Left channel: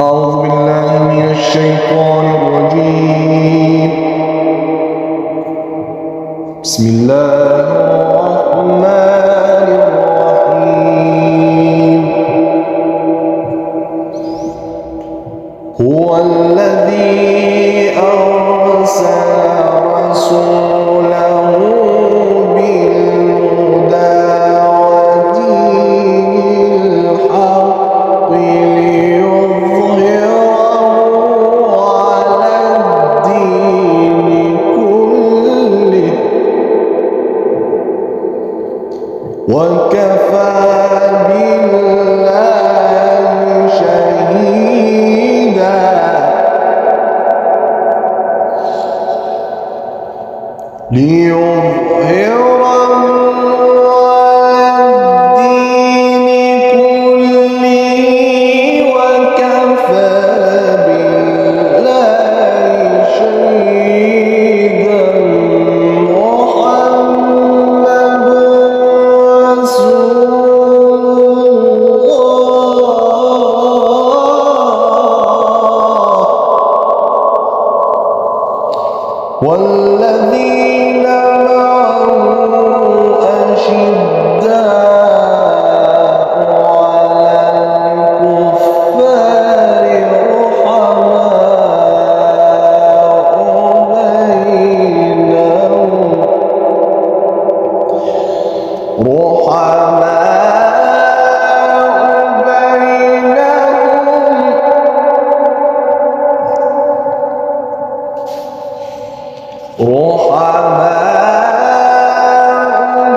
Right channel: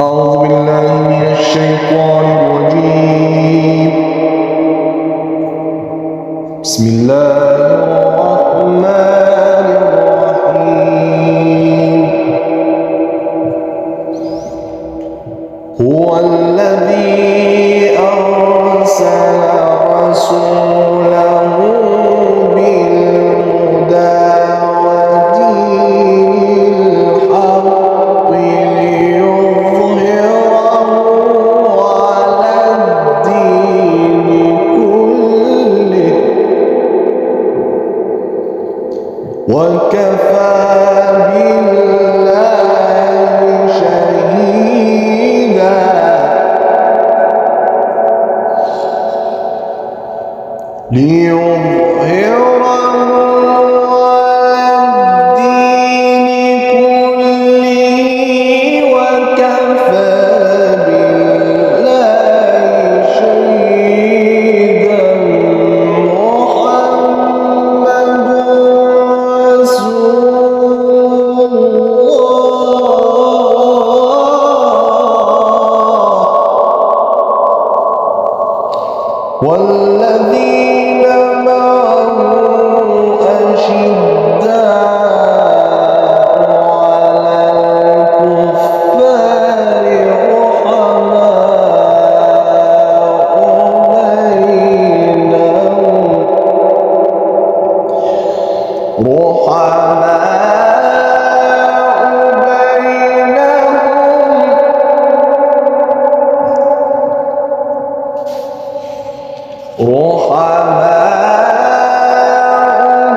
أعوذ بالله من الشيطان الرجيم. بسم الله الرحمن الرحيم. هو الذي أرسل رسوله بالهدى ودين الحق ليظهره على الدين كله وكفى بالله شهيدا. ليظهره على الدين كله وكفى بالله شهيدا. محمد رسول الله والذين معه أشداء على الكفار رحماء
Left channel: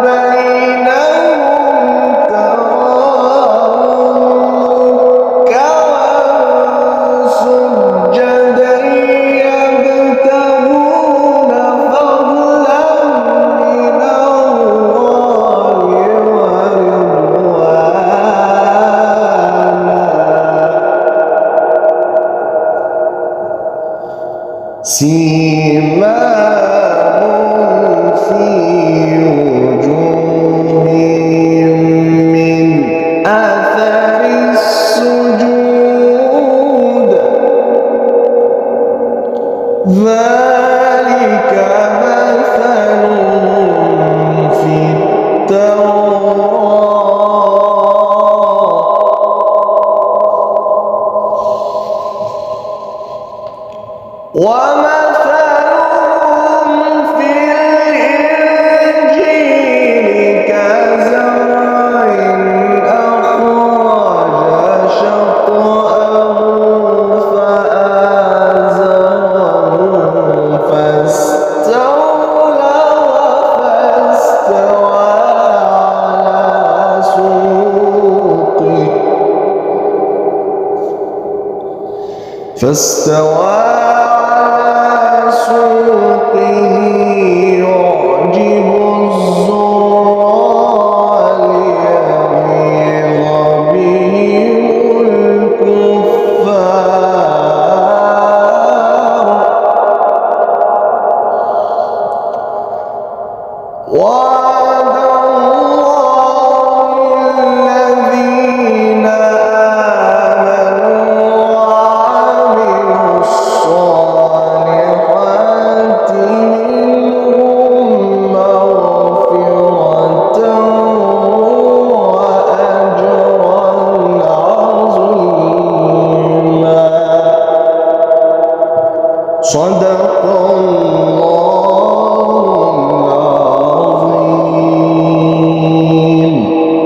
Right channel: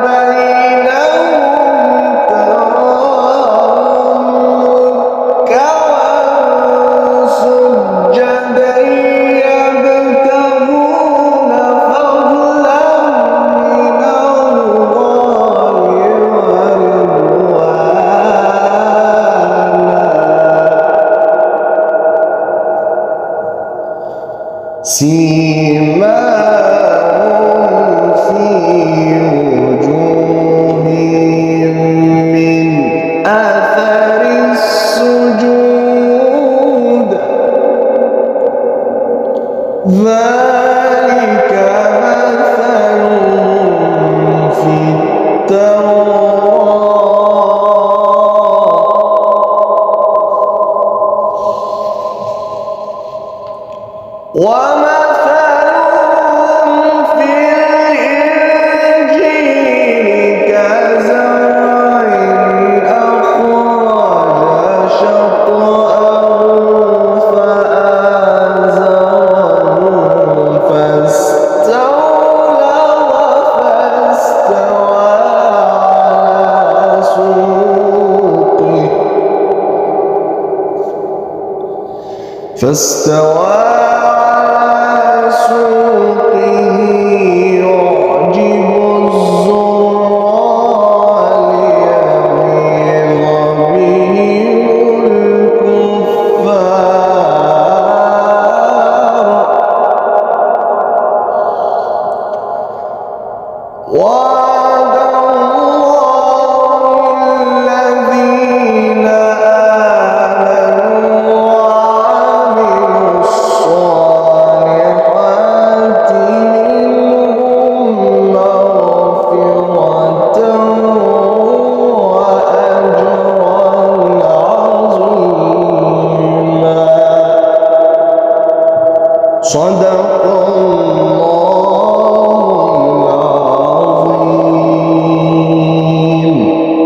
بينهم تراهم ركعا سجدا يبتغون فضلا من الله ورضوانا. سيماهم في وجوههم من أثر السجود ذلك مثلهم في التوراة ومثلهم في الإنجيل كزرع أخرج شطأه فآزره فاستوى على سوقه يعجب الزراع ليغيظ بهم الكفار. وعد الله الذين آمنوا وعملوا الصالحات منهم مغفرة وأجرا عظيما. صدق الله.